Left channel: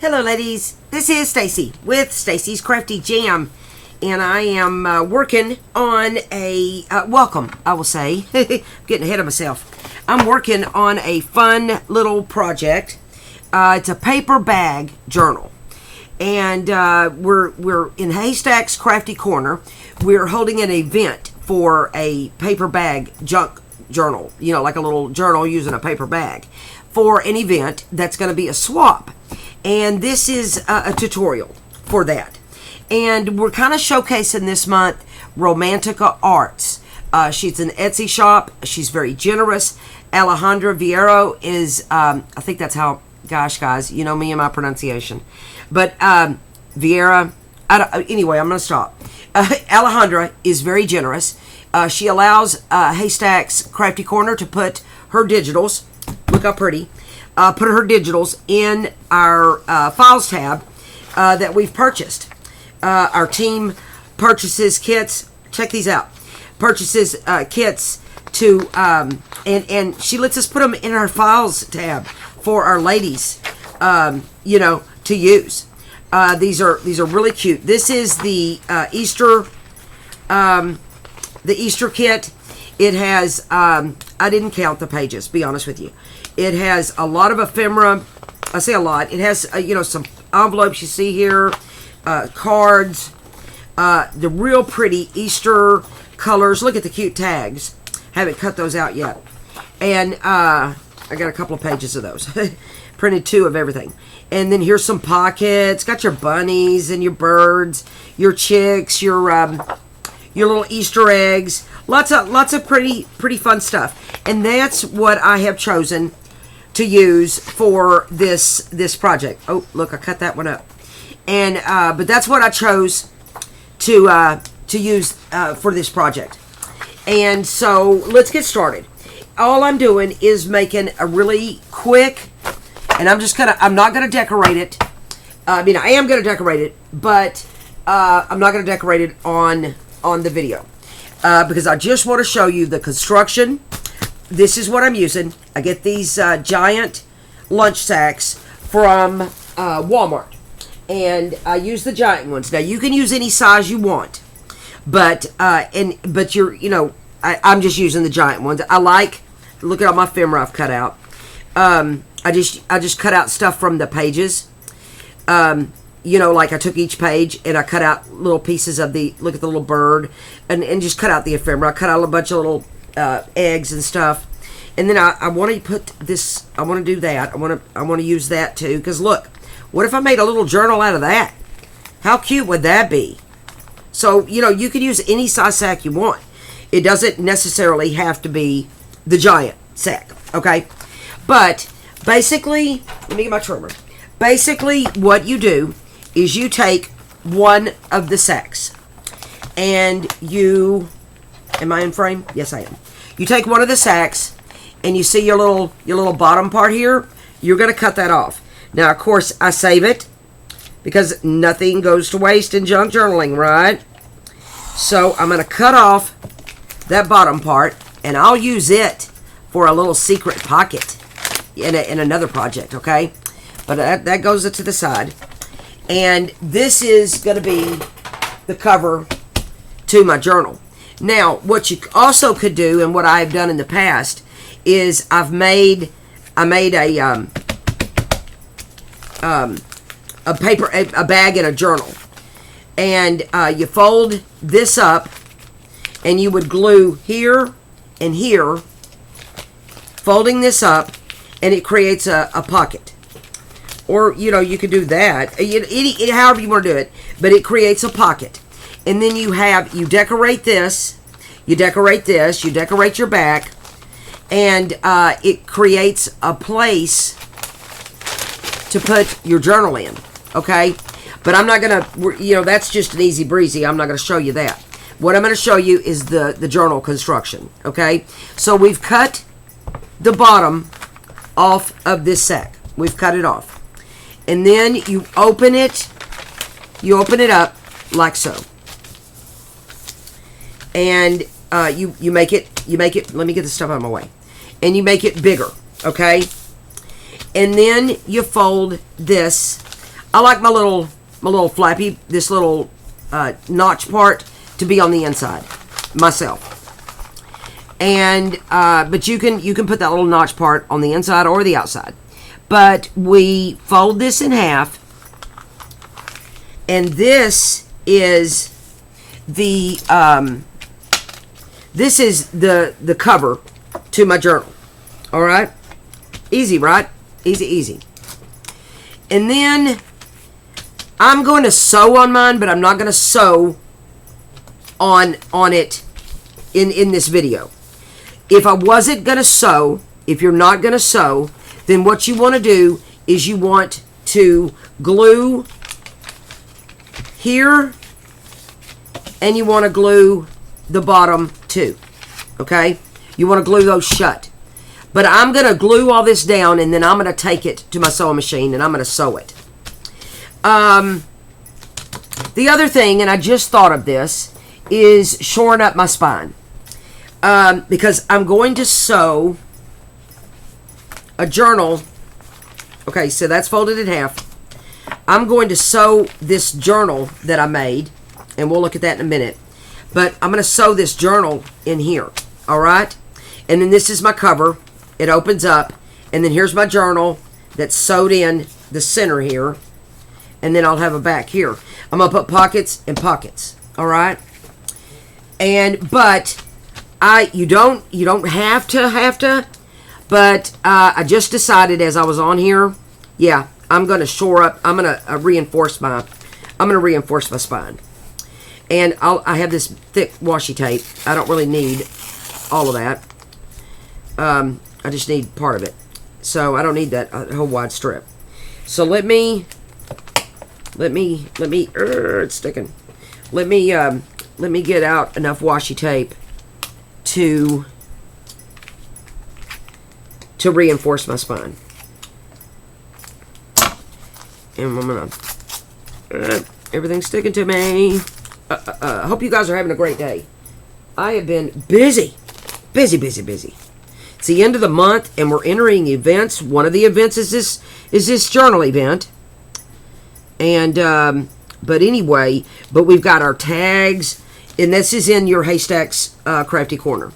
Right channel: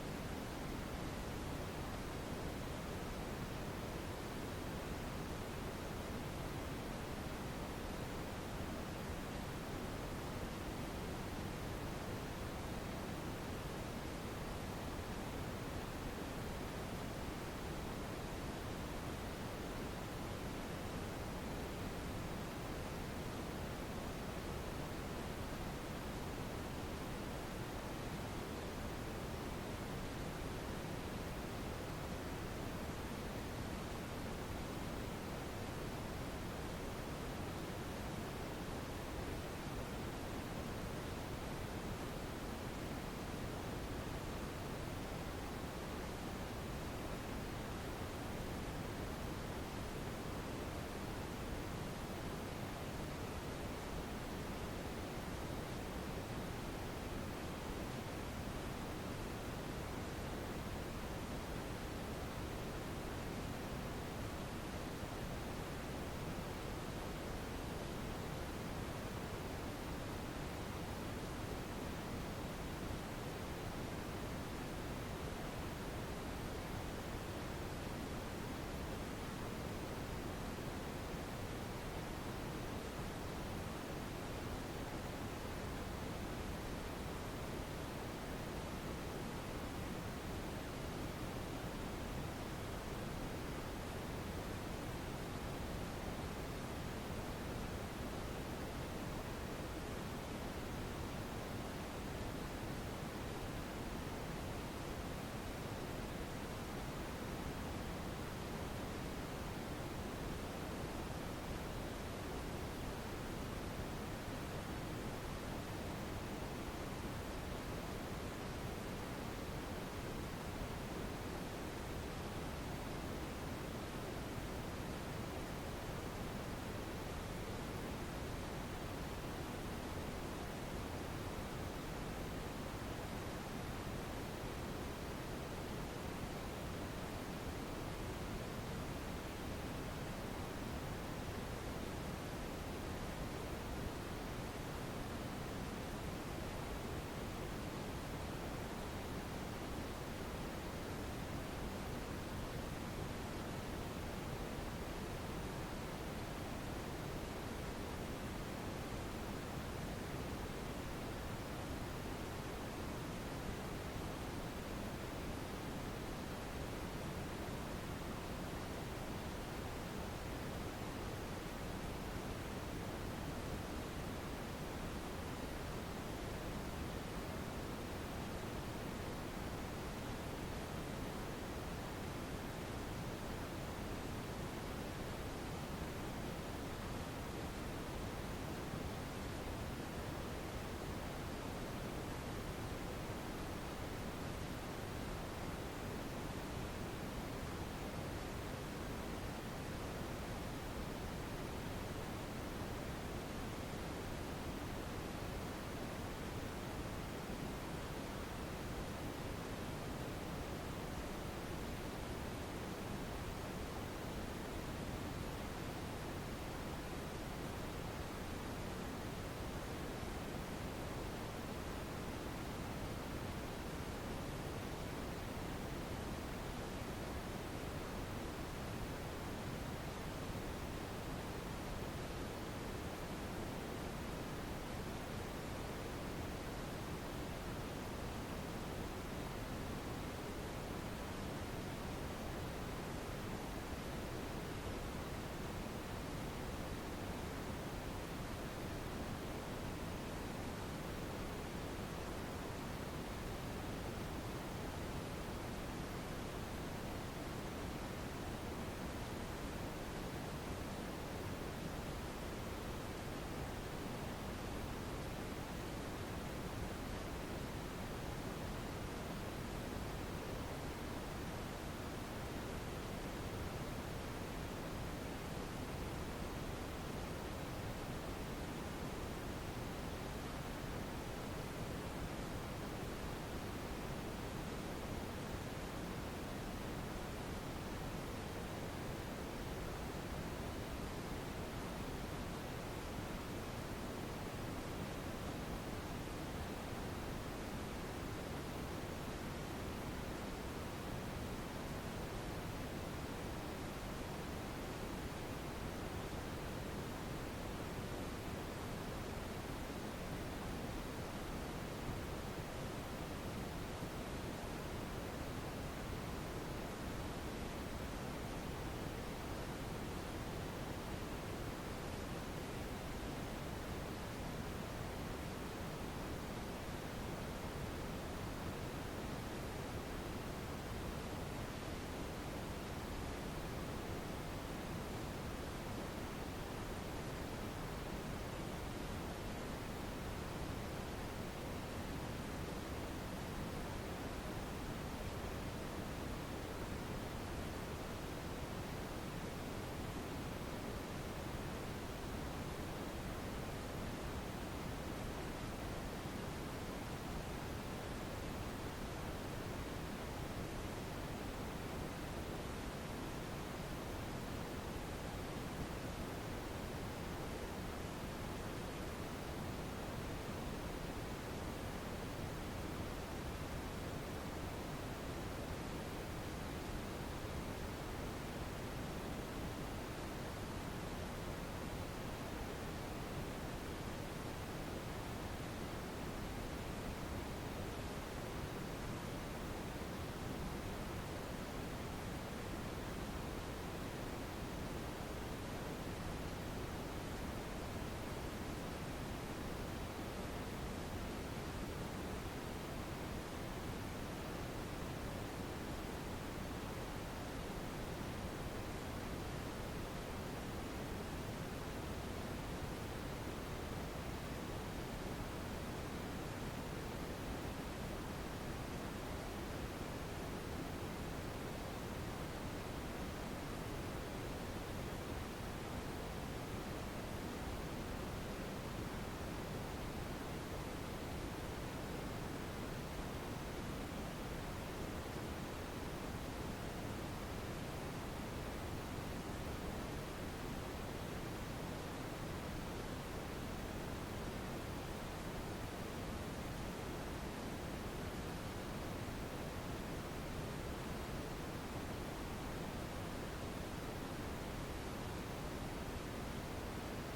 Hello ladies, this is Stacy with Stacy's Crafty Jam, and I am working on a, welcome, I will say, getting ahead of myself. I'm working on a fun little project. It's a paper bag journal, and we're in Haystack's Crafty Corner. We're holding an event for a paper bag junk journal, you know, like a little journal using a paper bag, for an event that's going to be a swap. And this is a tutorial for that. And we're kind of showcasing this month Romantica Arts. She's an Etsy shop. She's very generous. Alejandra Vieiro is, I think that's how, gosh, guys, you know me and my pronunciation. But Vieira, anyway, I'm going to stop. Alejandra is very generous. She allows Haystack's Crafty Corner to put her digitals, look how pretty, put her digitals in our files tab that we've purchased. Our team purchases kits, check these out, purchases kits to, and she lets us put them in our files tab for our ladies, you know, to use. These are really cute. This is the Easter kit. It has, I didn't count the pages, be honest with you. It has a lot of ephemera. I say a lot. It has, you know, some envelopes you see here, cards, the real pretty Easter colors. Look at the cute tags. Haven't cut those out yet. And I got a couple of pages of those. Printed 2 of everything. And then here's some pockets. Got your bunnies and your birds, your chicks, your little Easter eggs. Lots of pretty fun stuff. And that's what I have chosen to use for this project. Oh, look, I cut that one up. And but that's what I chose to use for this project. And so let's get started. All I'm doing is making a really quick, and I'm not gonna decorate it. I mean, I am gonna decorate it, but I'm not gonna decorate it on the video because I just want to show you the construction. This is what I'm using. I get these giant lunch sacks from Walmart, and I use the giant ones. Now you can use any size you want, but you're, you know, I'm just using the giant ones. I like, look at all my ephemera I've cut out. I just cut out stuff from the pages. You know, like I took each page and I cut out little pieces of the, look at the little bird, and just cut out the ephemera. I cut out a bunch of little eggs and stuff, and then I want to put this, I want to do that, I want to use that too, because look, what if I made a little journal out of that? How cute would that be? So, you know, you can use any size sack you want. It doesn't necessarily have to be the giant sack, okay? But basically, let me get my trimmer. Basically, what you do is you take one of the sacks, and you, am I in frame? Yes, I am. You take one of the sacks, and you see your little bottom part here. You're going to cut that off. Now, of course, I save it because nothing goes to waste in junk journaling, right? So I'm going to cut off that bottom part, and I'll use it for a little secret pocket in another project, okay? But that goes to the side. And this is going to be the cover to my journal. Now, what you also could do, and what I've done in the past, is I made a bag and a journal, and you fold this up, and you would glue here and here, folding this up, and it creates a pocket. Or, you know, you could do that, however you want to do it, but it creates a pocket. And then you decorate this, you decorate your back, and it creates a place to put your journal in, okay? But I'm not going to, you know, that's just an easy breezy. I'm not going to show you that. What I'm going to show you is the journal construction, okay? So we've cut the bottom off of this sack. We've cut it off. And then you open it up like so. And you make it, let me get this stuff out of my way. And you make it bigger, okay? And then you fold this I like my little flappy, this little notch part to be on the inside myself. And but you can put that little notch part on the inside or the outside. But we fold this in half, and this is the cover to my journal. All right, easy, right? Easy. And then I'm going to sew on mine, but I'm not going to sew on it in this video. If I wasn't going to sew, if you're not going to sew, then what you want to do is you want to glue here, and you want to glue the bottom too. Okay? You want to glue those shut. But I'm going to glue all this down, and then I'm going to take it to my sewing machine, and I'm going to sew it. The other thing, and I just thought of this, is shoring up my spine. Because I'm going to sew a journal. Okay, so that's folded in half. I'm going to sew this journal that I made, and we'll look at that in a minute. But I'm going to sew this journal in here, all right? And then this is my cover. It opens up, and then here's my journal that's sewed in the center here, and then I'll have a back here. I'm going to put pockets and pockets, all right? But you don't have to, but I just decided as I was on here, yeah, I'm going to shore up, I'm going to reinforce my spine. And I have this thick washi tape. I don't really need all of that. I just need part of it. So I don't need that whole wide strip. So let me it's sticking. Let me get out enough washi tape to reinforce my spine. And I'm gonna everything's sticking to me. I hope you guys are having a great day. I have been busy. It's the end of the month, and we're entering events. One of the events is this journal event. And but we've got our tags, and this is in your Haystacks Crafty Corner.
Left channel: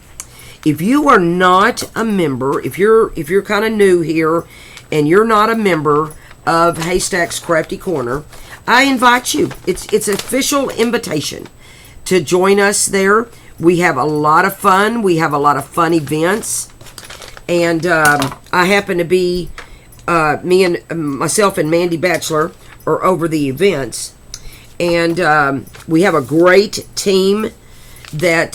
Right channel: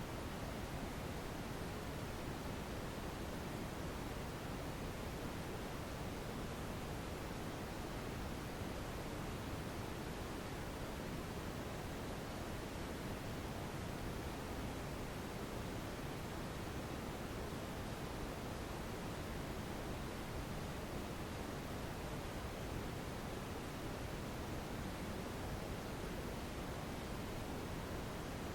If you are not a member, if you're kind of new here, and you're not a member of Haystacks Crafty Corner, I invite you. It's an official invitation to join us there. We have a lot of fun. We have a lot of fun events. And I happen to be, myself and Mandy Batchelor are over the events. And we have a great team that,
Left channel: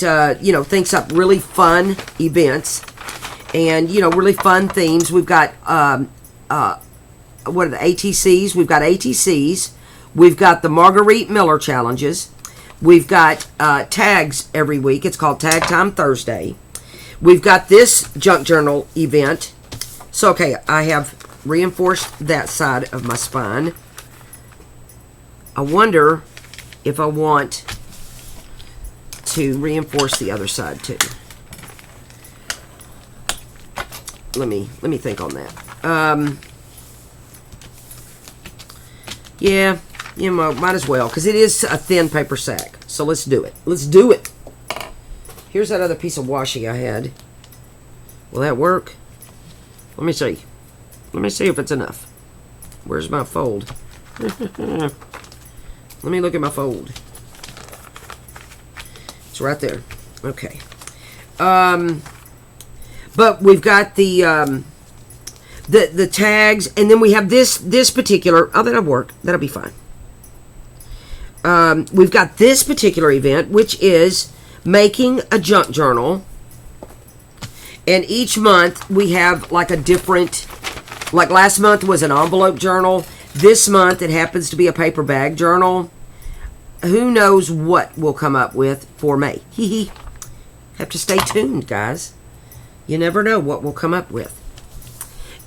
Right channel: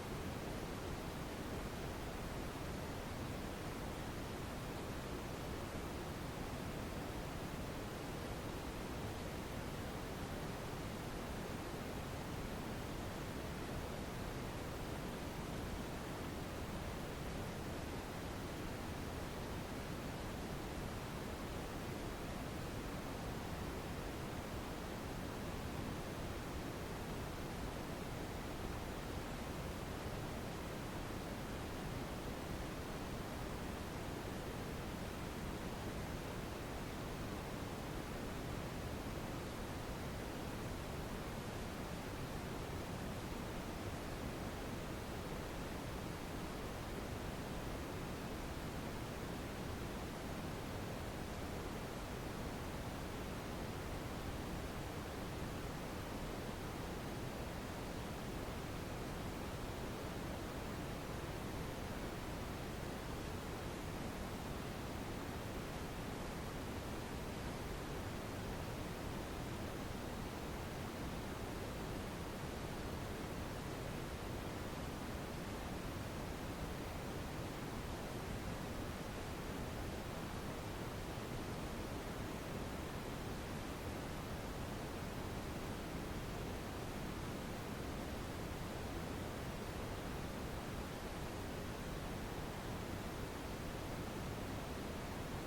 thinks up really fun events. And, really fun themes. We've got, what are the ATCs? We've got ATCs. We've got the Marguerite Miller challenges. We've got tags every week. It's called Tag Time Thursday. We've got this junk journal event. So, okay, I have reinforced that side of my spine. I wonder if I want to reinforce the other side too. Let me think on that. Yeah, might as well, because it is a thin paper sack. So let's do it. Here's that other piece of washi I had. Will that work? Let me see. Let me see if it's enough. Where's my fold? Let me look at my fold. It's right there. Okay. But we've got the tags, and then we have this particular. Oh, that'll work. That'll be fine. We've got this particular event, which is making a junk journal. And each month we have like a different, like last month was an envelope journal. This month it happens to be a paper bag journal. Who knows what we'll come up with for May. Have to stay tuned, guys. You never know what we'll come up with.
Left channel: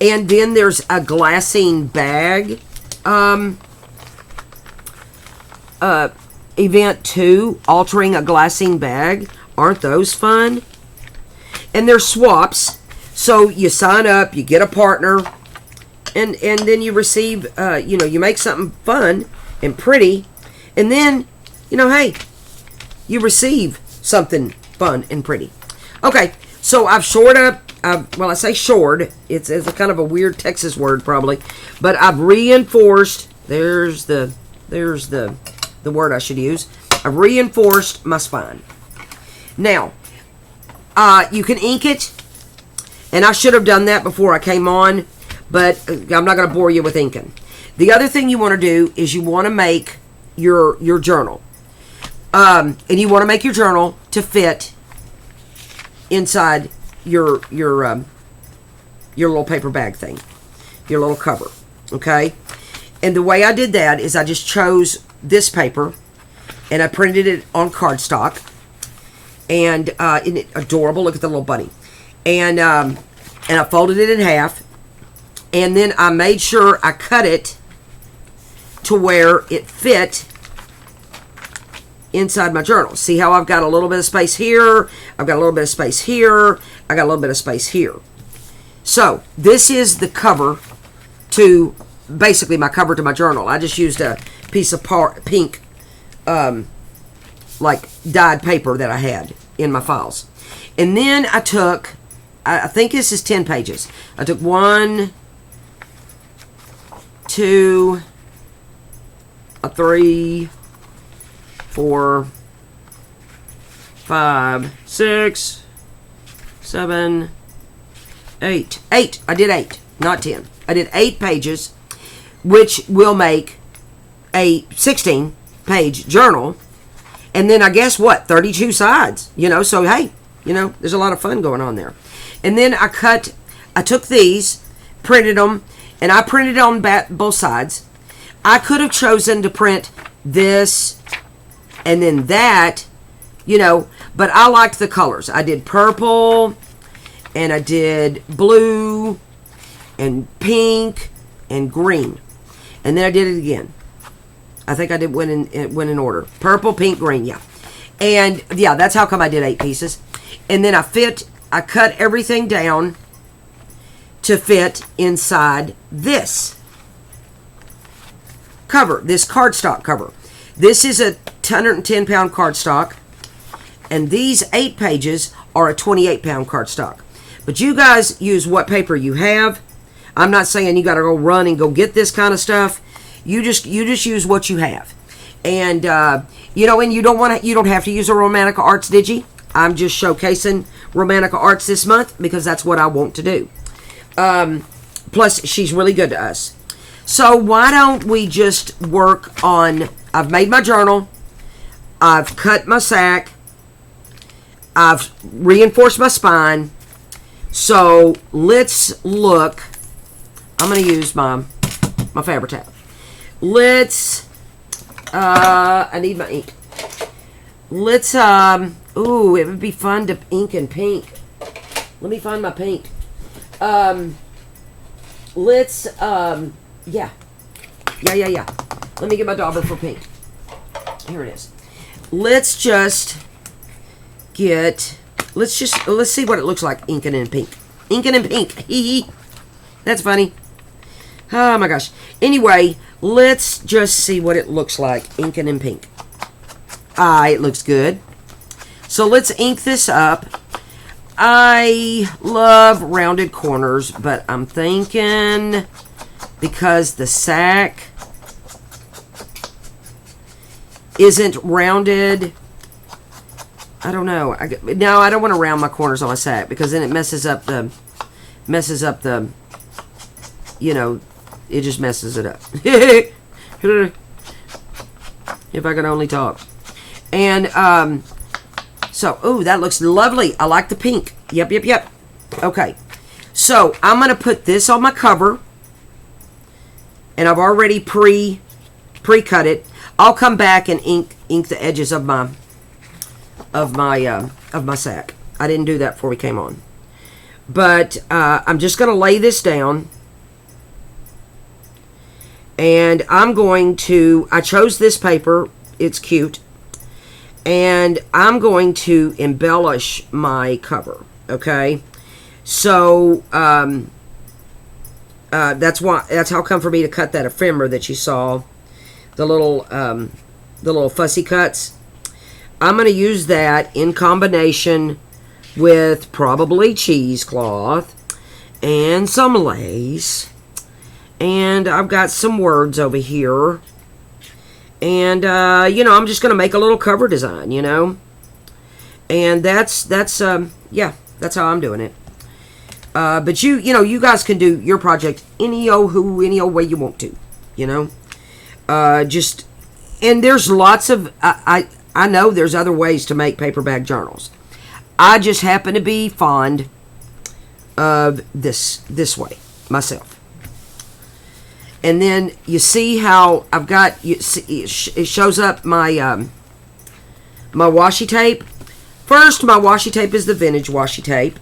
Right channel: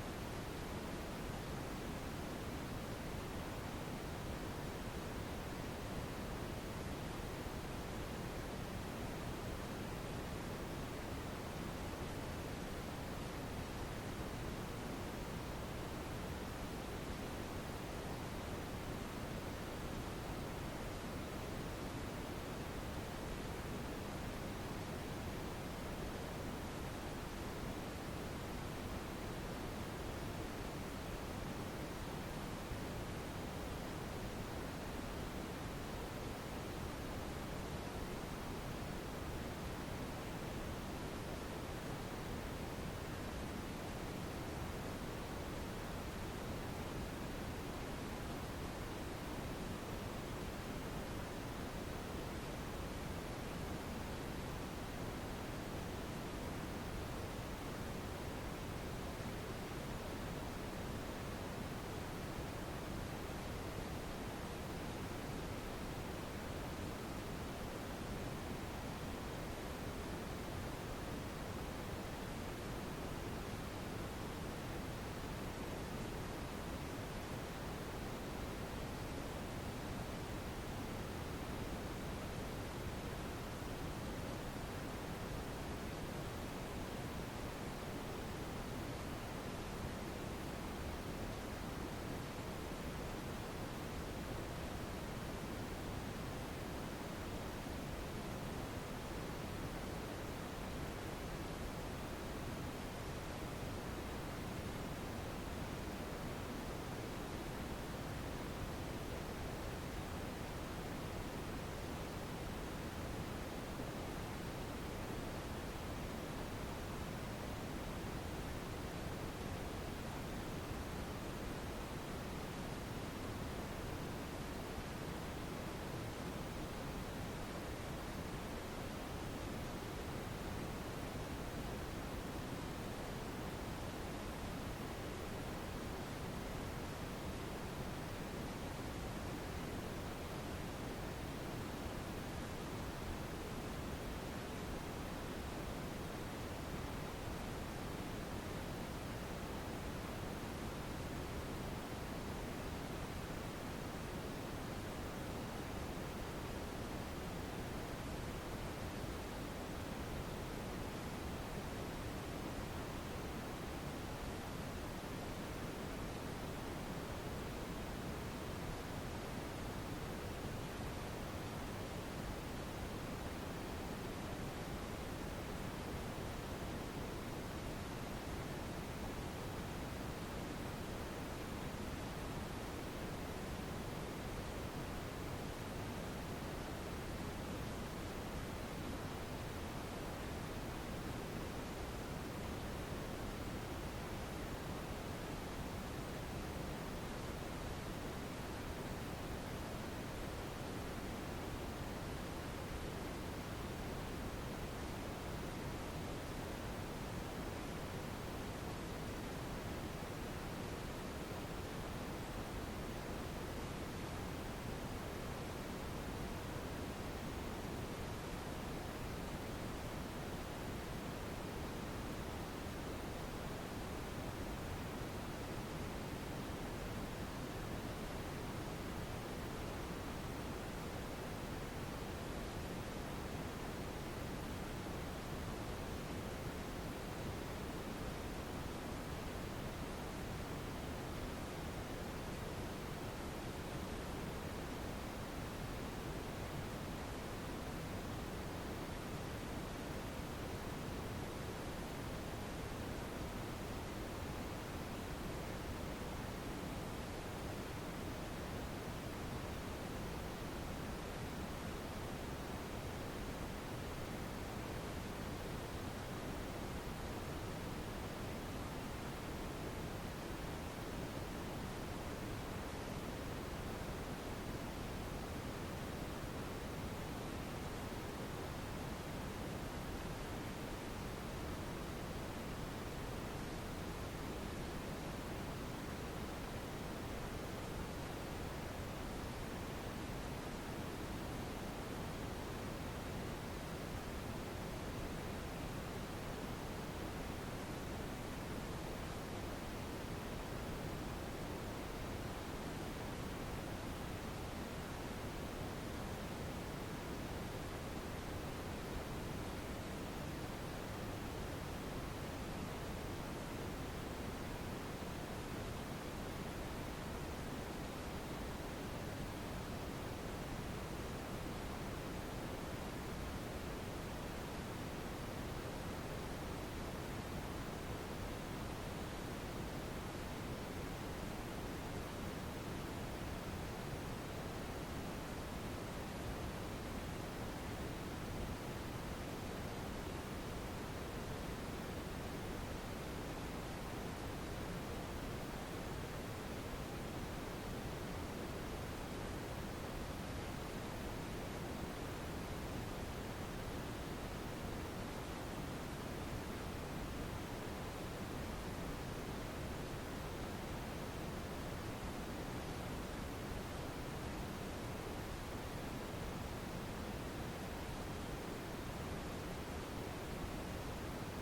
And then there's a glassine bag event too, altering a glassine bag. Aren't those fun? And there's swaps. So you sign up, you get a partner, and then you receive, you know, you make something fun and pretty, and then, you know, hey, you receive something fun and pretty. Okay, so I've shored up. Well, I say shored. It's a kind of a weird Texas word probably, but I've reinforced. There's the word I should use. I've reinforced my spine. Now, you can ink it, and I should have done that before I came on, but I'm not going to bore you with inking. The other thing you want to do is you want to make your journal, and you want to make your journal to fit inside your little paper bag thing, your little cover, okay? And the way I did that is I just chose this paper, and I printed it on cardstock, and isn't it adorable? Look at the little bunny. And I folded it in half, and then I made sure I cut it to where it fit inside my journal. See how I've got a little bit of space here, I've got a little bit of space here, I got a little bit of space here. So this is the cover to, basically my cover to my journal. I just used a piece of pink like dyed paper that I had in my files. And then I took, I think this is 10 pages. I took 1, 2, 3, 4, 5, 6, 7, 8. 8. I did 8, not 10. I did 8 pages, which will make a 16-page journal. And then I guess what? 32 sides. You know, so hey, you know, there's a lot of fun going on there. And then I took these, printed them, and I printed on both sides. I could have chosen to print this and then that, you know, but I liked the colors. I did purple, and I did blue, and pink, and green. And then I did it again. I think I did went in order. Purple, pink, green, yeah. And yeah, that's how come I did 8 pieces. And then I cut everything down to fit inside this cover, this cardstock cover. This is a 110-pound cardstock, and these 8 pages are a 28-pound cardstock. But you guys use what paper you have. I'm not saying you got to go run and go get this kind of stuff. You just use what you have, and you know, and you don't have to use a Romantica Arts Digi. I'm just showcasing Romantica Arts this month because that's what I want to do. Plus, she's really good to us. So why don't we just work on? I've made my journal. I've cut my sack. I've reinforced my spine. So let's look. I'm going to use my Fabri-Tac. Let's, I need my ink. Let's, ooh, it would be fun to ink in pink. Let me find my pink. Let's, yeah. Let me get my dauber for pink. Here it is. Let's see what it looks like inking in pink. Inking in pink. Hee hee. That's funny. Oh my gosh. Anyway, let's just see what it looks like inking in pink. It looks good. So let's ink this up. I love rounded corners, but I'm thinking because the sack isn't rounded, I don't know. No, I don't want to round my corners on my sack because then it messes up the, you know, it just messes it up. If I could only talk. And, so, ooh, that looks lovely. I like the pink. Yep. Okay. So, I'm going to put this on my cover. And I've already pre-cut it. I'll come back and ink the edges of my sack. I didn't do that before we came on. But I'm just going to lay this down. And I'm going to, I chose this paper. It's cute. And I'm going to embellish my cover. Okay. So, That's how come for me to cut that ephemera that you saw, the little fussy cuts. I'm going to use that in combination with probably cheesecloth and some lace. And I've got some words over here. And, I'm just going to make a little cover design, And that's how I'm doing it. But you guys can do your project any old way you want to, and there's lots of, I know there's other ways to make paperback journals. I just happen to be fond of this way myself. And then you see how I've got, it shows up my my washi tape. First, my washi tape is the vintage washi tape.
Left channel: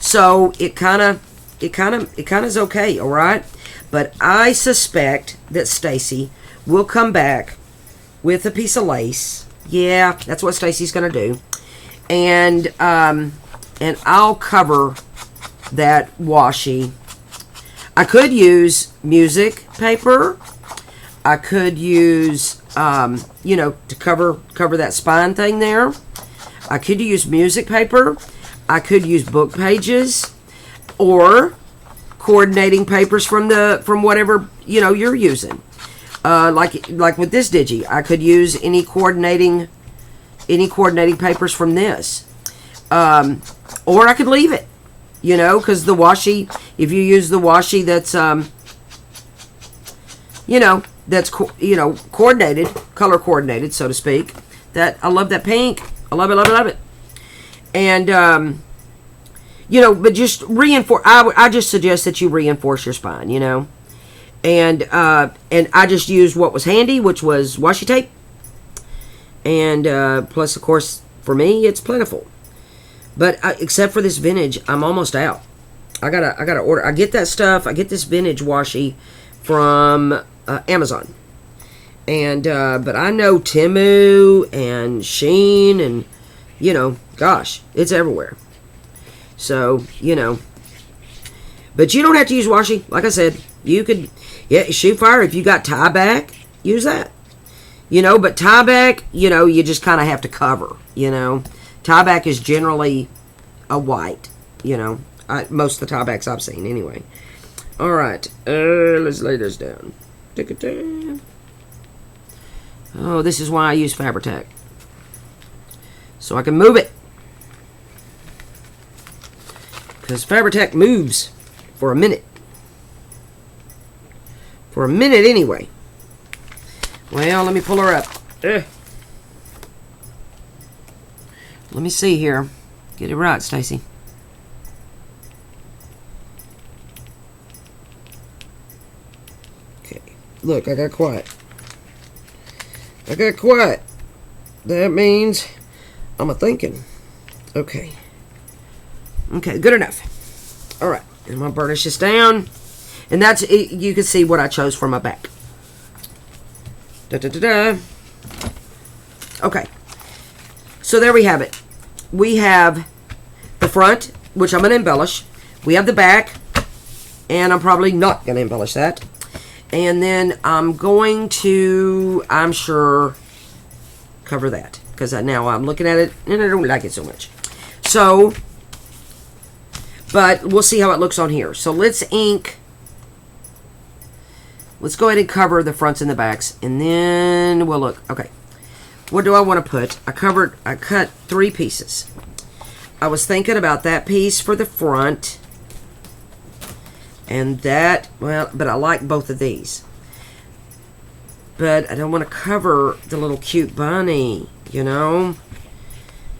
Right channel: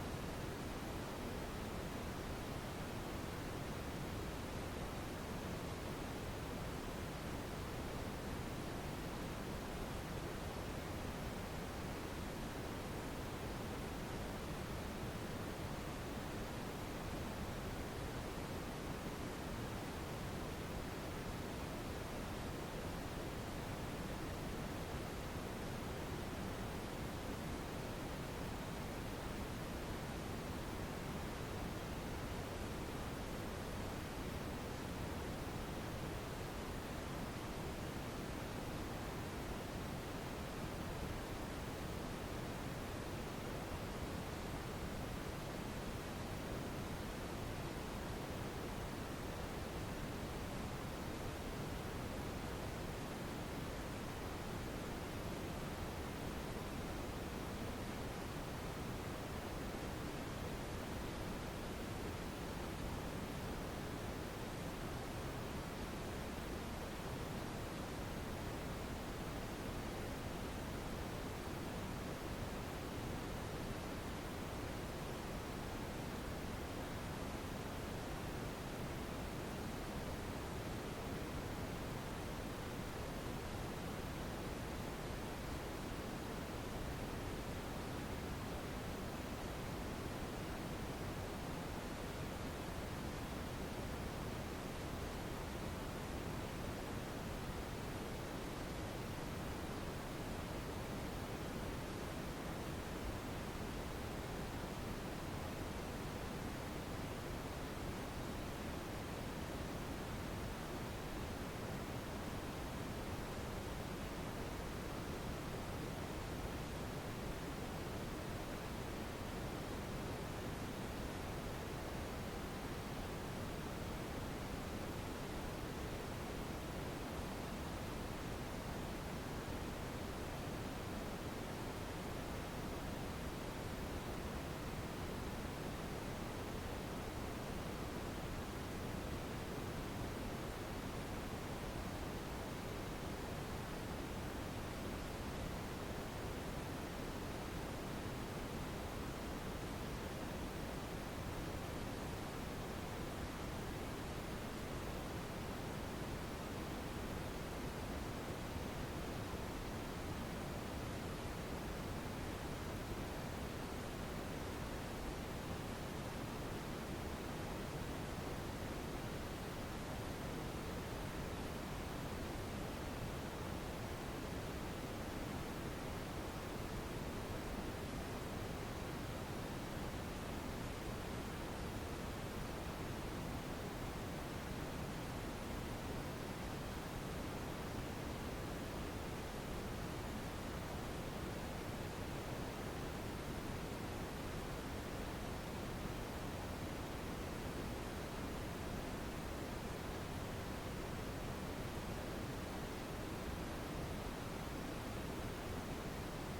So it kind of is okay, all right? But I suspect that Stacy will come back with a piece of lace. Yeah, that's what Stacy's going to do. And I'll cover that washi. I could use music paper. I could use, to cover that spine thing there. I could use music paper. I could use book pages, or coordinating papers from whatever you're using. Like with this digi, I could use any coordinating papers from this, or I could leave it. Because the washi, if you use the washi that's, coordinated, color coordinated, so to speak. That I love that pink. I love it, love it, love it. And, but just reinforce. I just suggest that you reinforce your spine, And I just used what was handy, which was washi tape. And plus, of course, for me, it's plentiful. But except for this vintage, I'm almost out. I gotta order. I get that stuff. I get this vintage washi from Amazon. And but I know Temu and Shein and gosh, it's everywhere. So but you don't have to use washi. Like I said, you could shoot fire if you got tie back. Use that. But tie back, you just kind of have to cover. Tie back is generally a white, most of the tie backs I've seen anyway. All right, let's lay this down. Oh, this is why I use Fabri-Tac, so I can move it, because Fabri-Tac moves for a minute. For a minute anyway. Well, let me pull her up. Let me see here. Get it right, Stacy. Okay. Look, I got quiet. That means I'm a-thinking. Okay. Okay, good enough. All right. And my burnish this down. And that's it. You can see what I chose for my back. Da-da-da-da. Okay. So there we have it. We have the front, which I'm going to embellish. We have the back, and I'm probably not going to embellish that. And then I'm going to, I'm sure, cover that. Because now I'm looking at it, and I don't like it so much. So, but we'll see how it looks on here. So let's ink. Let's go ahead and cover the fronts and the backs, and then we'll look. Okay. What do I want to put? I cut 3 pieces. I was thinking about that piece for the front. And that, well, but I like both of these. But I don't want to cover the little cute bunny,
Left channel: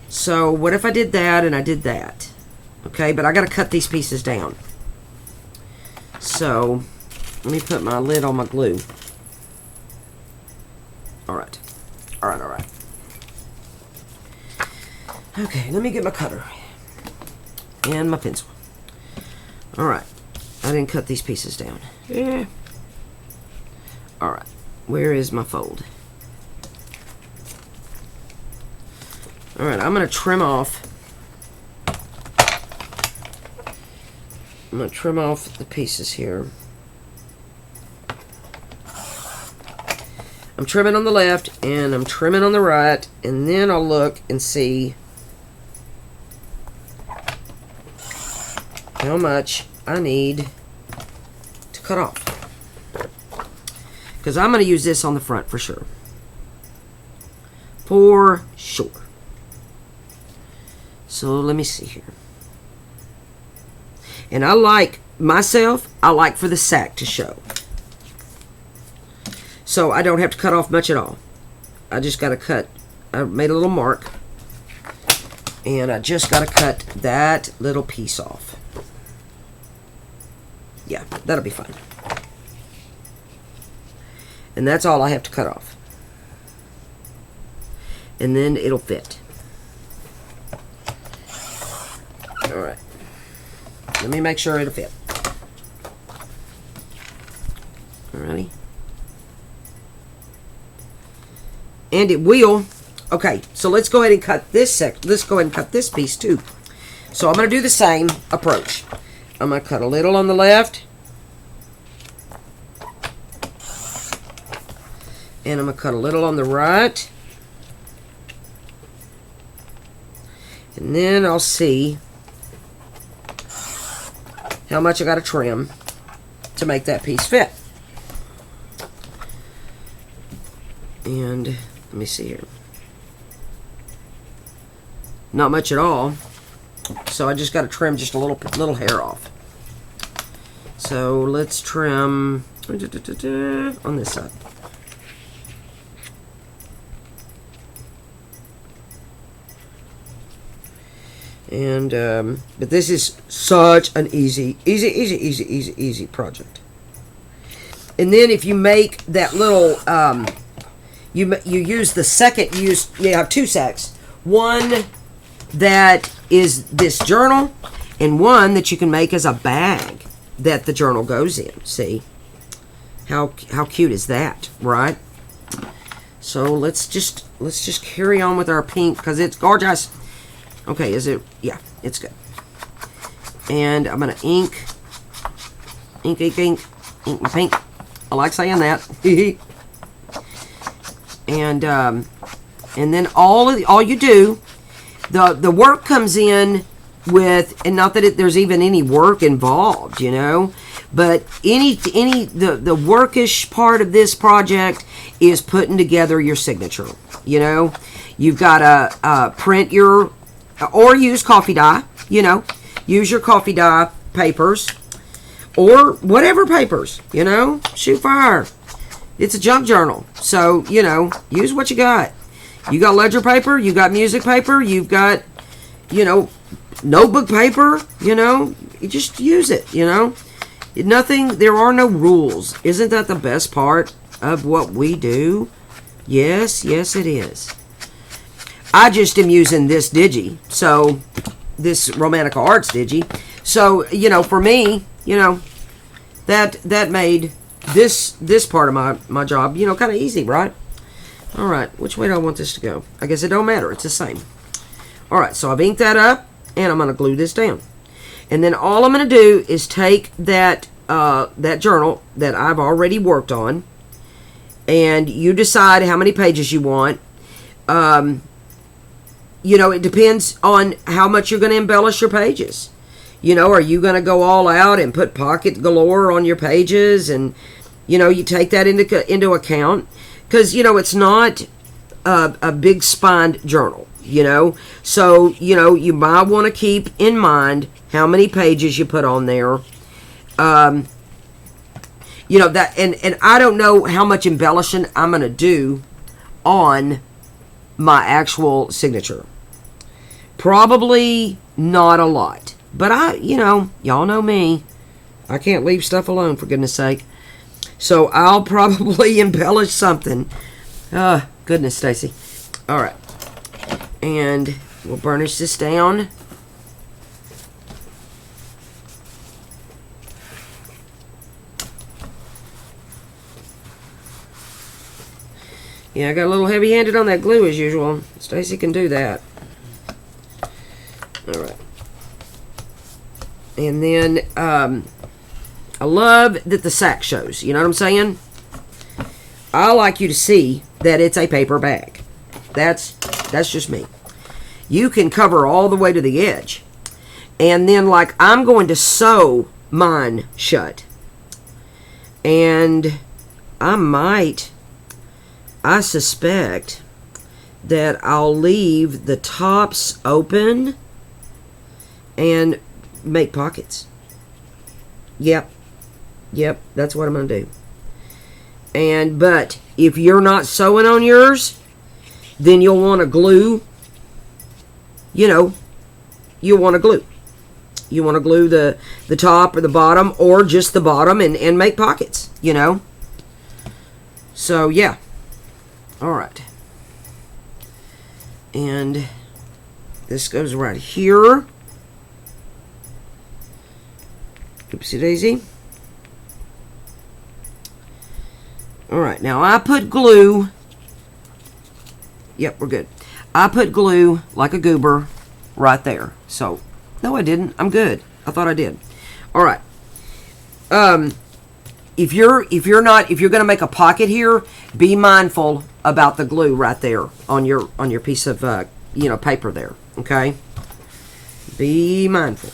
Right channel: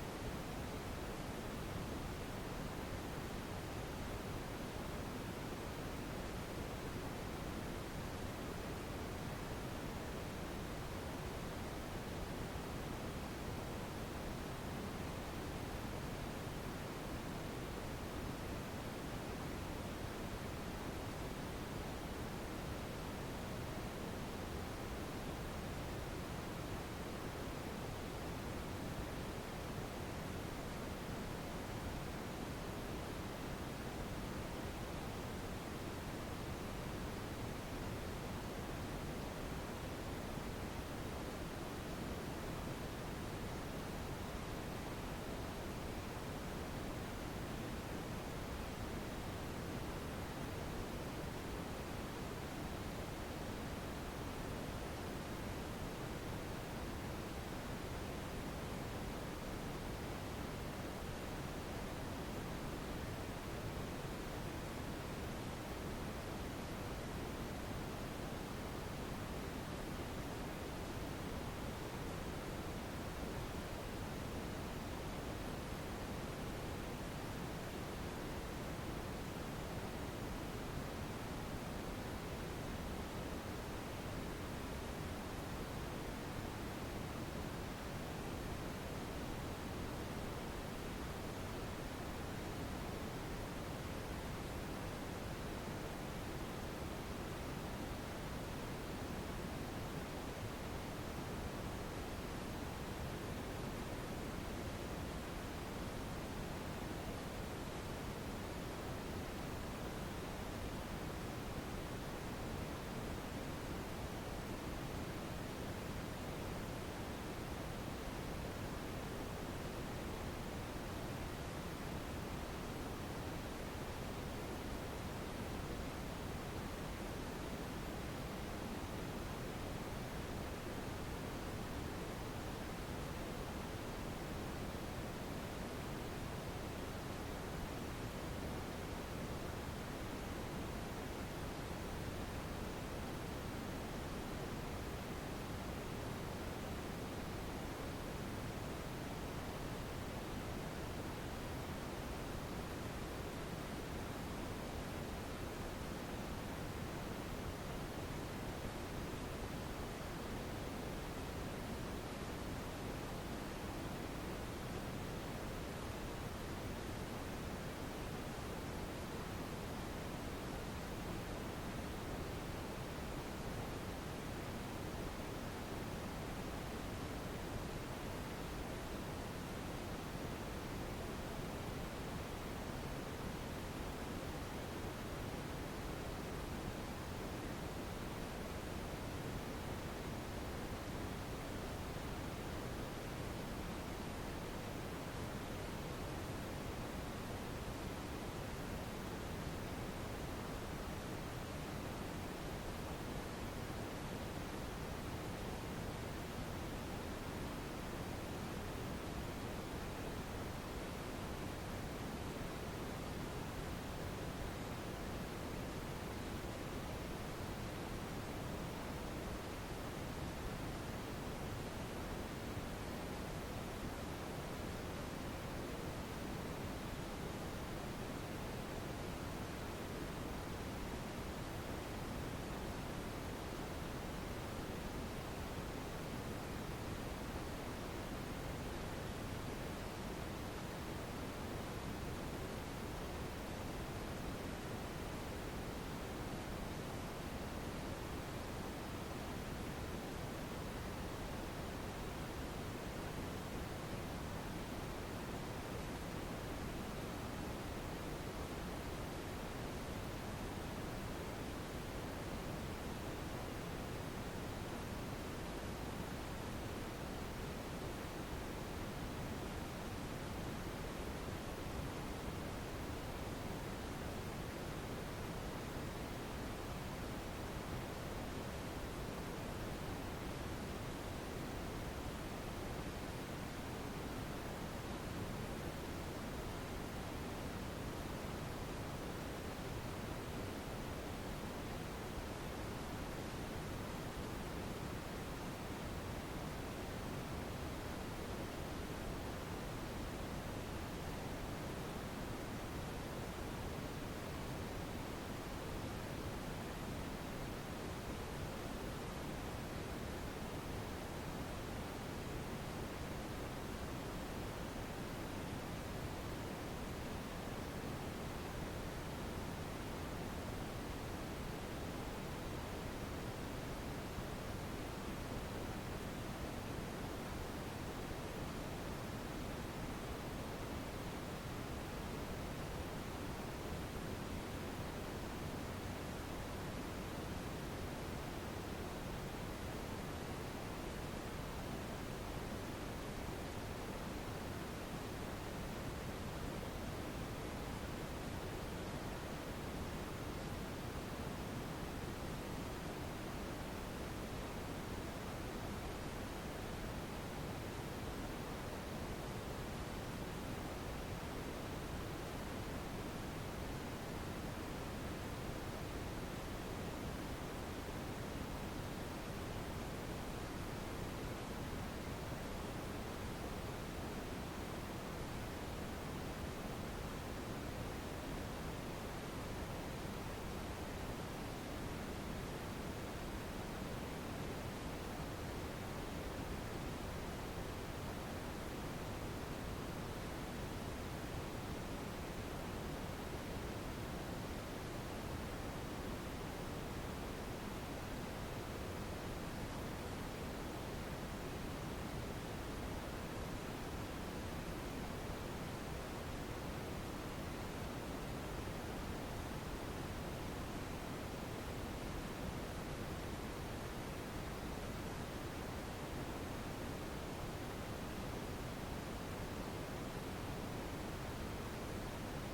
So what if I did that and I did that? Okay, but I got to cut these pieces down. So let me put my lid on my glue. All right. All right. Okay, let me get my cutter and my pencil. All right. I didn't cut these pieces down. Yeah. All right. Where is my fold? All right, I'm going to trim off. I'm going to trim off the pieces here. I'm trimming on the left and I'm trimming on the right, and then I'll look and see how much I need to cut off. Because I'm going to use this on the front for sure. For sure. So let me see here. And I like, myself, I like for the sack to show. So I don't have to cut off much at all. I just got to cut, I made a little mark. And I just got to cut that little piece off. Yeah, that'll be fine. And that's all I have to cut off. And then it'll fit. Alright. Let me make sure it'll fit. Alrighty. And it will. Okay, so let's go ahead and cut this let's go ahead and cut this piece too. So I'm going to do the same approach. I'm going to cut a little on the left. And I'm going to cut a little on the right. And then I'll see how much I got to trim to make that piece fit. And let me see here. Not much at all. So I just got to trim just a little hair off. So let's trim on this side. And but this is such an easy project. And then if you make that little you use the second, you have two sacks. One that is this journal, and one that you can make as a bag that the journal goes in. See how cute is that, right? So let's just carry on with our pink because it's gorgeous. Okay, is it? Yeah, it's good. And I'm gonna ink my pink. I like saying that. And then all you do, the work comes in with, and not that there's even any work involved, you know, but the workish part of this project is putting together your signature. You know, you've got to print your, or use coffee dye, you know, use your coffee dye papers or whatever papers, you know, shoot fire. It's a junk journal. So, you know, use what you got. You got ledger paper, you got music paper, you've got, you know, notebook paper, you know, you just use it, you know. There are no rules. Isn't that the best part of what we do? Yes, yes it is. I just am using this digi, so this Romantica Arts digi. So, you know, for me, you know, that made this part of my job, you know, kind of easy, right? All right, which way do I want this to go? I guess it don't matter. It's the same. All right, so I've inked that up, and I'm going to glue this down. And then all I'm going to do is take that journal that I've already worked on, and you decide how many pages you want. You know, it depends on how much you're going to embellish your pages. You know, are you going to go all out and put pocket galore on your pages? And, you know, you take that into account. Because, you know, it's not a big spined journal, you know. So, you know, you might want to keep in mind how many pages you put on there. You know, that, and I don't know how much embellishing I'm going to do on my actual signature. Probably not a lot. But you know, y'all know me. I can't leave stuff alone, for goodness sake. So I'll probably embellish something. Goodness, Stacy. All right. And we'll burnish this down. Yeah, I got a little heavy-handed on that glue as usual. Stacy can do that. All right. And then I love that the sack shows. You know what I'm saying? I like you to see that it's a paper bag. That's just me. You can cover all the way to the edge. And then, like, I'm going to sew mine shut. And I suspect that I'll leave the tops open and make pockets. Yep, that's what I'm going to do. But if you're not sewing on yours, then you'll want to glue, you'll want to glue. You want to glue the top or the bottom, or just the bottom, and make pockets, So, yeah. All right. And this goes right here. Oopsie daisy. All right, now I put glue. Yep, we're good. I put glue like a goober right there. So, no, I didn't. I'm good. I thought I did. All right. If you're going to make a pocket here, be mindful about the glue right there on your piece of paper there. Okay. Be mindful.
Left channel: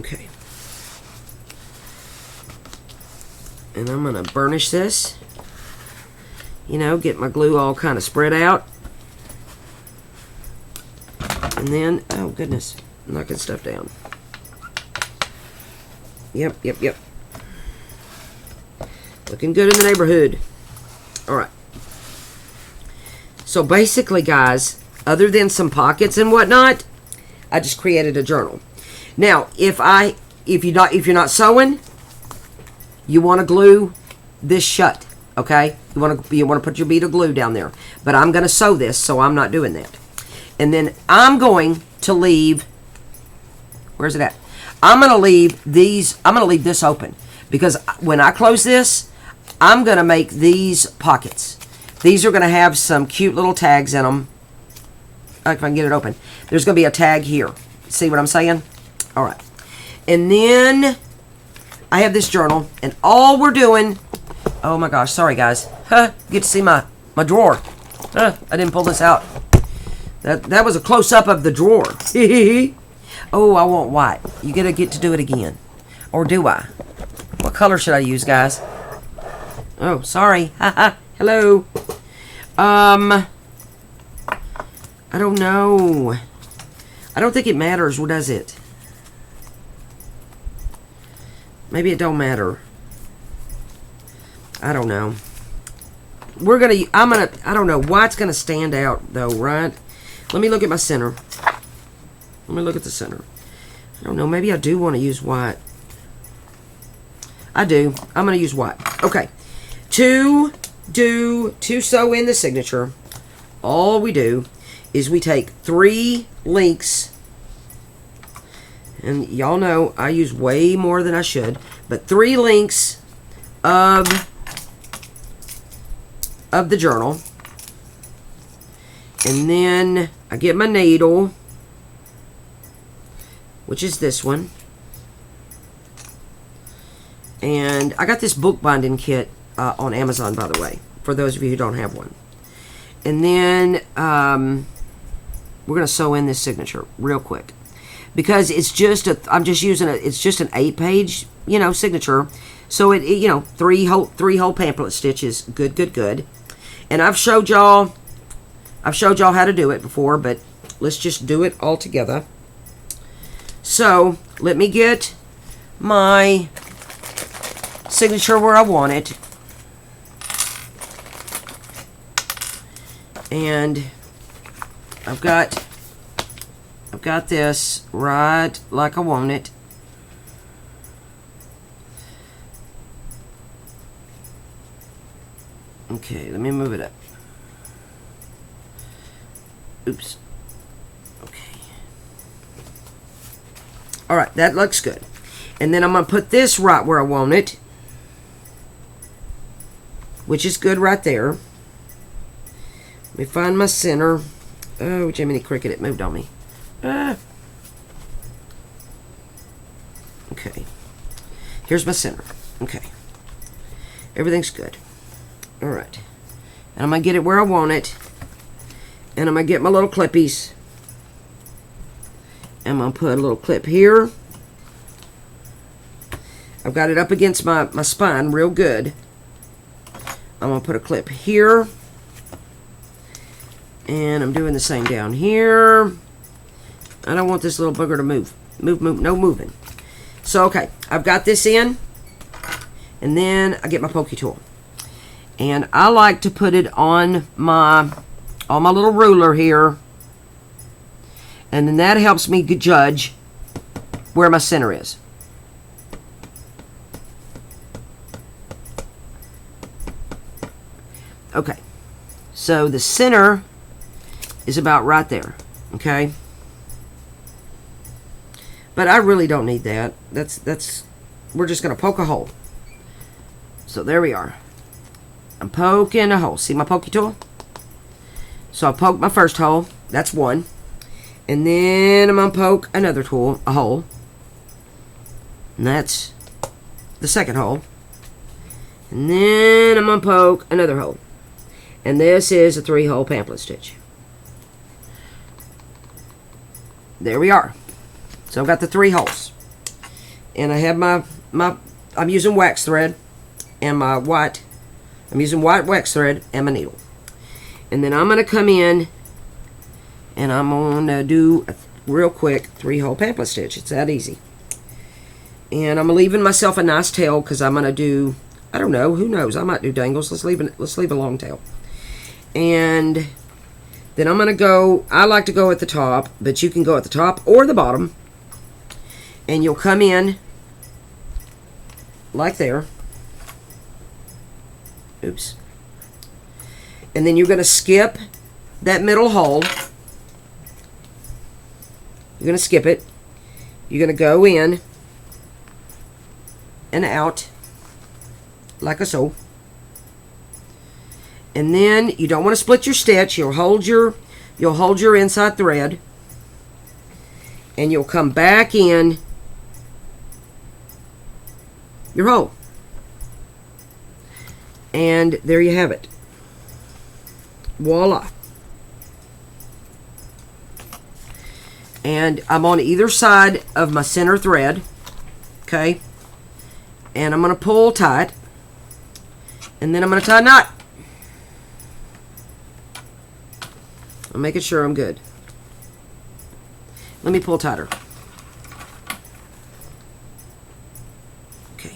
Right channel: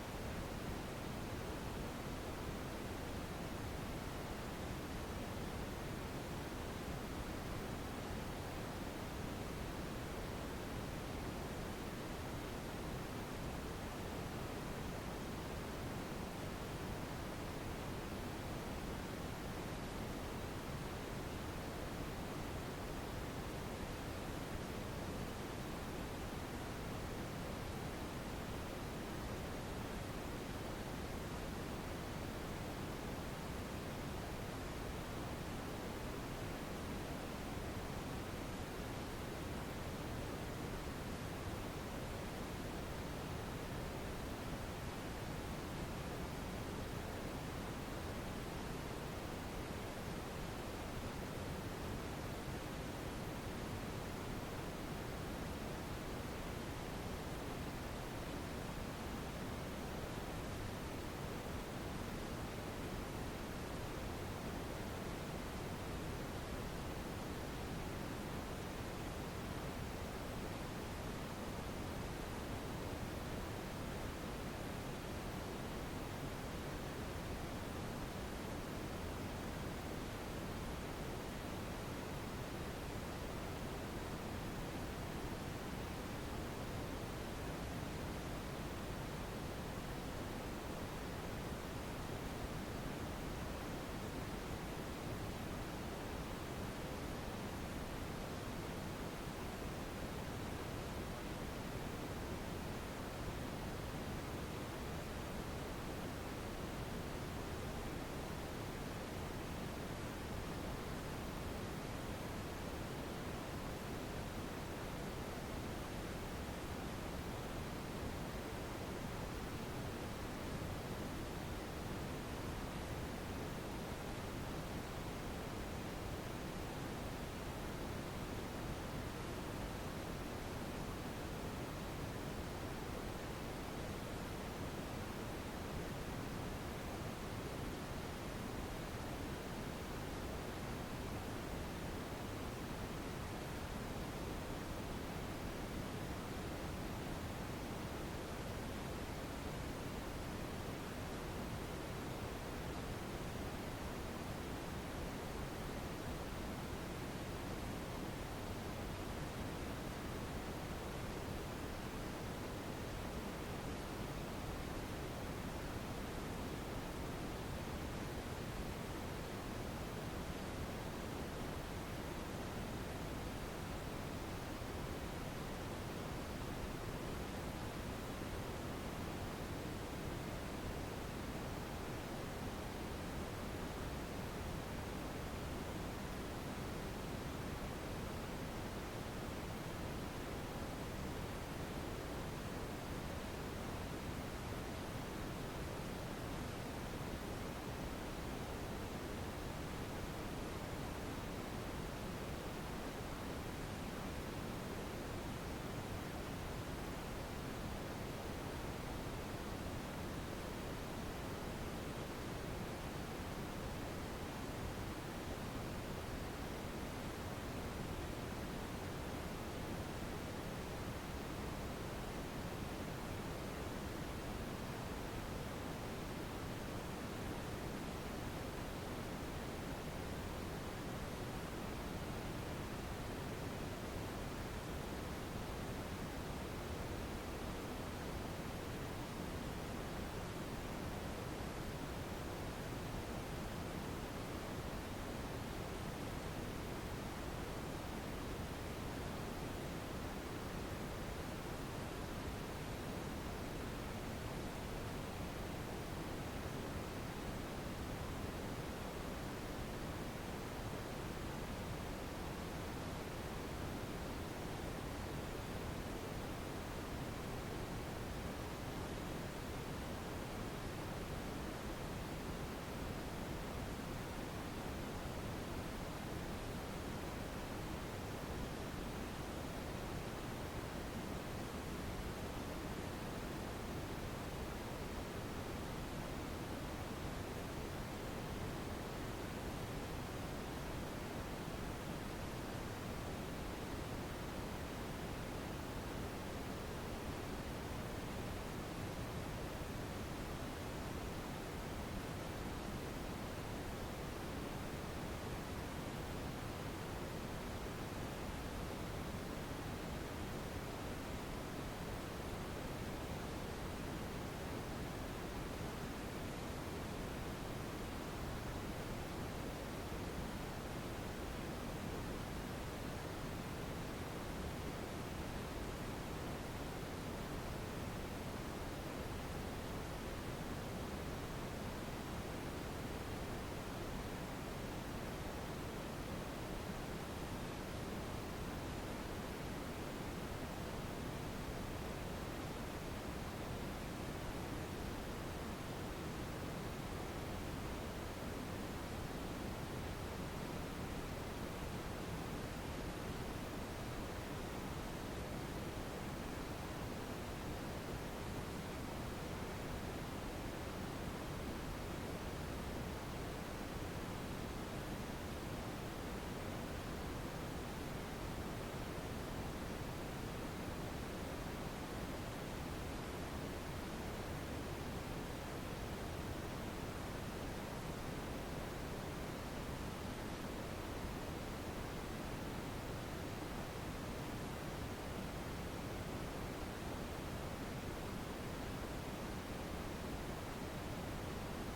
Okay. And I'm going to burnish this. Get my glue all kind of spread out. And then, oh goodness, knocking stuff down. Yep. Looking good in the neighborhood. All right. So basically, guys, other than some pockets and whatnot, I just created a journal. Now, if you're not sewing, you want to glue this shut. Okay, you want to put your bead of glue down there, but I'm going to sew this, so I'm not doing that. And then I'm going to leave. Where's it at? I'm going to leave these. I'm going to leave this open because when I close this, I'm going to make these pockets. These are going to have some cute little tags in them. If I can get it open, there's going to be a tag here. See what I'm saying? All right, and then I have this journal, and all we're doing. Oh my gosh, sorry guys. Get to see my drawer. I didn't pull this out. That was a close-up of the drawer. Oh, I want white. You gotta get to do it again. Or do I? What color should I use, guys? Oh, sorry. Hello. I don't know. I don't think it matters, does it? Maybe it don't matter. I don't know. I don't know. White's gonna stand out though, right? Let me look at my center. Let me look at the center. I don't know. Maybe I do want to use white. I do. I'm gonna use white. Okay. To sew in the signature, all we do is we take 3 links, and y'all know I use way more than I should, but 3 links of the journal, and then I get my needle, which is this one, and I got this bookbinding kit on Amazon, by the way, for those of you who don't have one. And then we're gonna sew in this signature real quick because it's just it's just an 8-page signature, so it 3 whole pamphlet stitches. Good. And I've showed y'all how to do it before, but let's just do it all together. So let me get my signature where I want it. And I've got this right like I want it. Okay, let me move it up. Oops. Okay. Alright, that looks good. And then I'm going to put this right where I want it, which is good right there. Let me find my center. Oh, Jiminy Cricket, it moved on me. Okay. Here's my center. Okay. Everything's good. All right. And I'm going to get it where I want it. And I'm going to get my little clippies. I'm going to put a little clip here. I've got it up against my spine real good. I'm going to put a clip here. And I'm doing the same down here. I don't want this little booger to move. Move, no moving. So, okay, I've got this in. And then I get my pokey tool. And I like to put it on my little ruler here. And then that helps me judge where my center is. Okay, so the center is about right there, okay? But I really don't need that. We're just gonna poke a hole. So there we are. I'm poking a hole. See my pokey tool? So I poked my first hole. That's one. And then I'm gonna poke another a hole. And that's the second hole. And then I'm gonna poke another hole. And this is a 3-hole pamphlet stitch. There we are. So I've got the 3 holes. And I have I'm using wax thread and my white. I'm using white wax thread and my needle. And then I'm going to come in and I'm going to do a real quick 3-hole pamphlet stitch. It's that easy. And I'm leaving myself a nice tail because I'm going to do, I don't know, who knows? I might do dangles. Let's leave a long tail. And then I'm going to go, I like to go at the top, but you can go at the top or the bottom. And you'll come in like there. Oops. And then you're going to skip that middle hole. You're going to skip it. You're going to go in and out like so. And then you don't want to split your stitch. You'll hold your inside thread, and you'll come back in your hole. And there you have it. Voila. And I'm on either side of my center thread. Okay. And I'm going to pull tight. And then I'm going to tie a knot. I'm making sure I'm good. Let me pull tighter. Okay.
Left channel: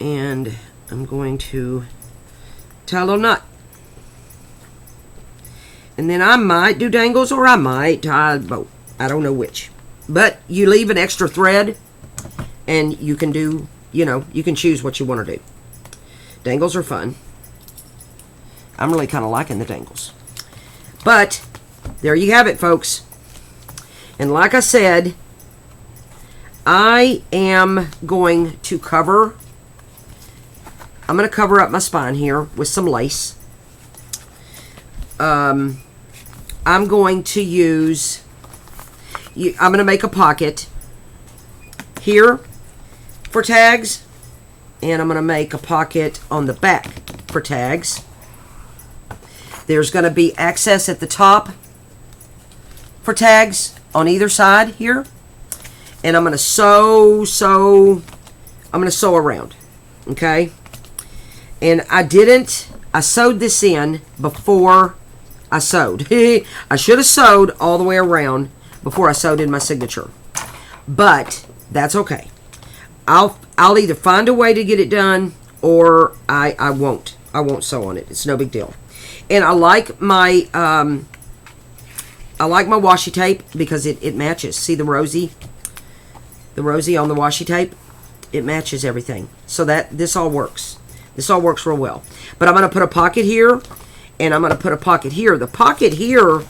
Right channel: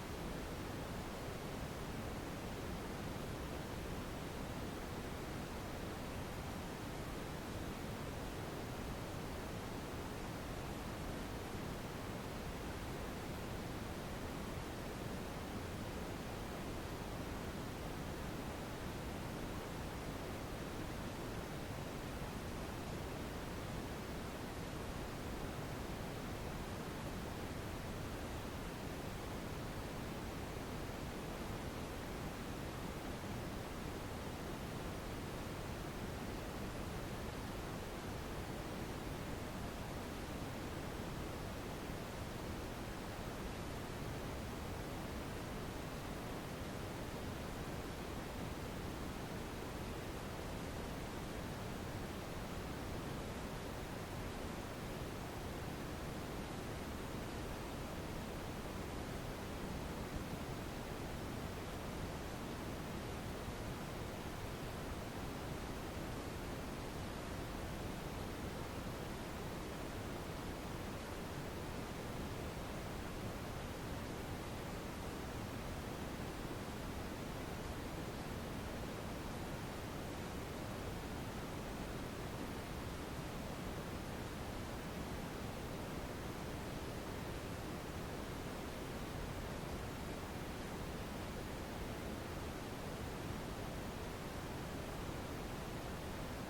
And I'm going to tie a little knot. And then I might do dangles or I might tie both. I don't know which. But you leave an extra thread and you can do, you can choose what you want to do. Dangles are fun. I'm really kind of liking the dangles. But there you have it, folks. And like I said, I am going to cover up my spine here with some lace. I'm going to use, I'm going to make a pocket here for tags, and I'm going to make a pocket on the back for tags. There's going to be access at the top for tags on either side here. And I'm going to sew around. Okay? And I sewed this in before I sewed. I should have sewed all the way around before I sewed in my signature. But that's okay. I'll either find a way to get it done or I won't. I won't sew on it. It's no big deal. And I like my washi tape because it matches. See the rosy on the washi tape? It matches everything. So this all works. This all works real well. But I'm going to put a pocket here, and I'm going to put a pocket here. The pocket here,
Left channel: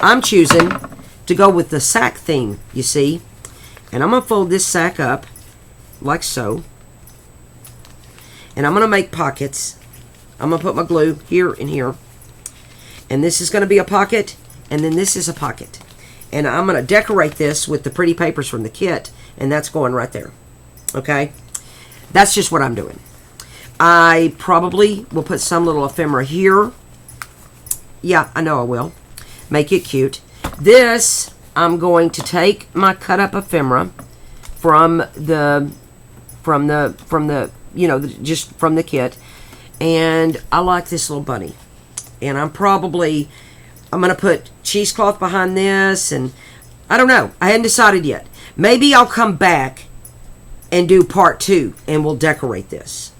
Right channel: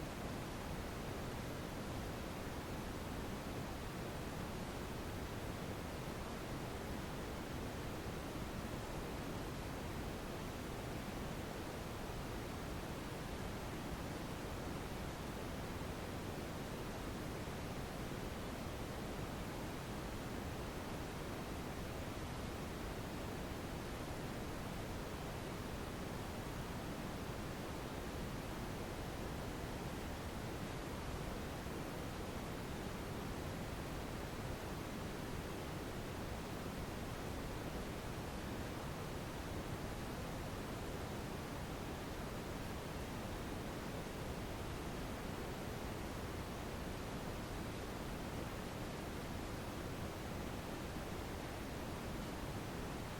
I'm choosing to go with the sack theme, you see. And I'm going to fold this sack up like so. And I'm going to make pockets. I'm going to put my glue here and here. And this is going to be a pocket, and then this is a pocket. And I'm going to decorate this with the pretty papers from the kit and that's going right there. Okay? That's just what I'm doing. I probably will put some little ephemera here. Yeah, I know I will. Make it cute. This, I'm going to take my cut up ephemera from the you know, just from the kit, and I like this little bunny, and I'm going to put cheesecloth behind this, and I don't know, I hadn't decided yet. Maybe I'll come back and do part 2 and we'll decorate this,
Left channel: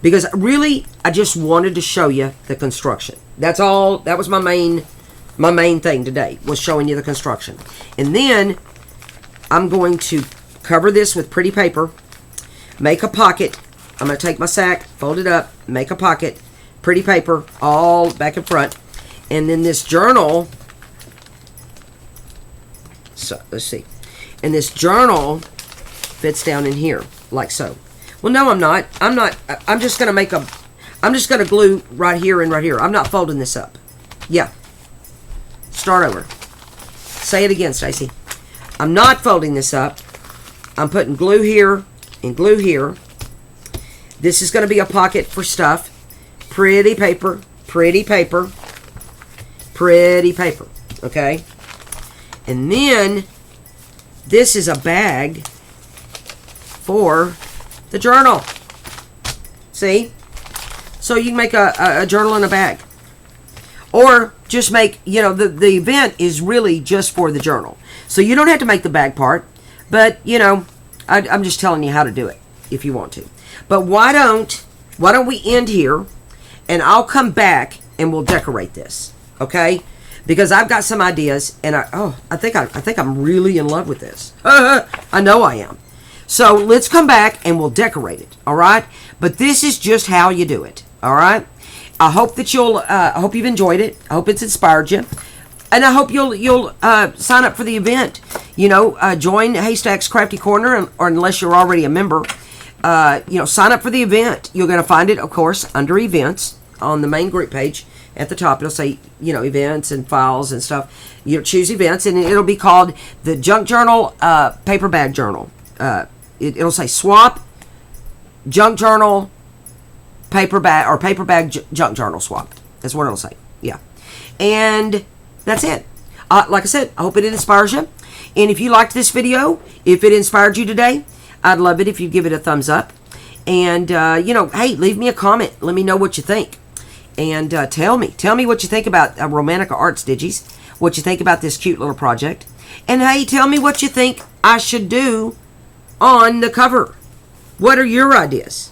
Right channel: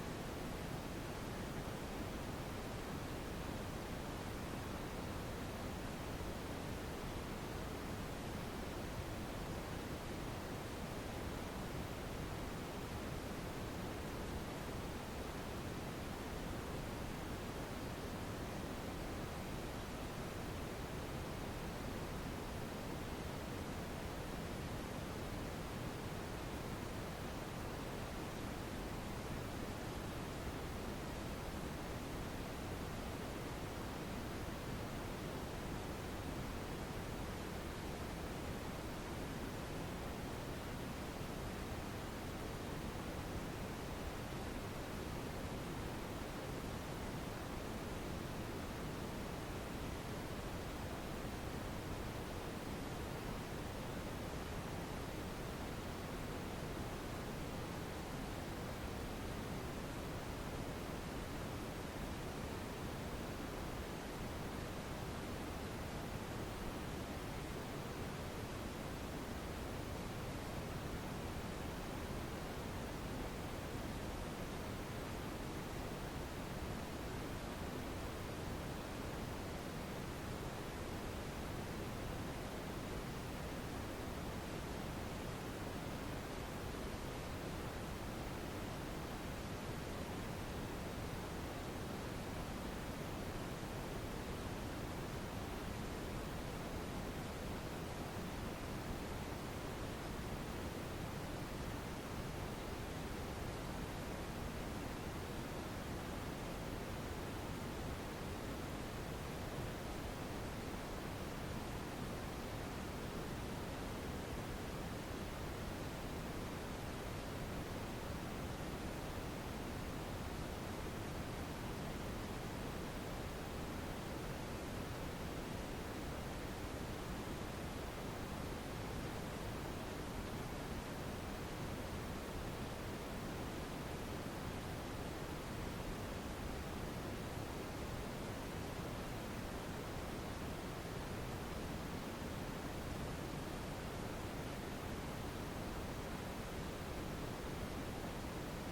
because really I just wanted to show you the construction. That's all. That was my main thing today, was showing you the construction. And then I'm going to cover this with pretty paper, make a pocket. I'm going to take my sack, fold it up, make a pocket, pretty paper, all back and front. And then this journal, so let's see. And this journal fits down in here, like so. Well, no, I'm not. I'm just going to I'm just going to glue right here and right here. I'm not folding this up. Yeah. Start over. Say it again, Stacy. I'm not folding this up. I'm putting glue here and glue here. This is going to be a pocket for stuff. Pretty paper, pretty paper, pretty paper. Okay? And then this is a bag for the journal. See? So you can make a journal in a bag. Or just make, you know, the event is really just for the journal. So you don't have to make the bag part. But, you know, I'm just telling you how to do it if you want to. But why don't we end here, and I'll come back and we'll decorate this, okay? Because I've got some ideas, and I think I'm really in love with this. I know I am. So let's come back and we'll decorate it, all right? But this is just how you do it, all right? I hope that I hope you've enjoyed it. I hope it's inspired you. And I hope you'll sign up for the event. You know, join Haystack's Crafty Corner, or unless you're already a member, you know, sign up for the event. You're going to find it, of course, under events on the main group page. At the top, it'll say, you know, events and files and stuff. You'll choose events, and it'll be called the Junk Journal Paperbag Journal. It'll say swap, junk journal, paperback, or paperbag junk journal swap. That's what it'll say. Yeah. And that's it. Like I said, I hope it inspires you. And if you liked this video, if it inspired you today, I'd love it if you give it a thumbs up. And, you know, hey, leave me a comment. Let me know what you think. And tell me what you think about Romantica Arts Digis, what you think about this cute little project. And, hey, tell me what you think I should do on the cover. What are your ideas?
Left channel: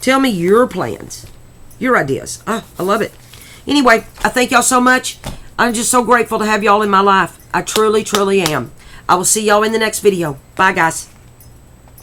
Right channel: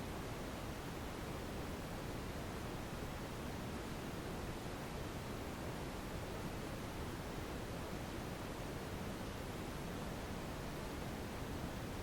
Tell me your plans, your ideas. I love it. Anyway, I thank y'all so much. I'm just so grateful to have y'all in my life. I truly, truly am. I will see y'all in the next video. Bye, guys.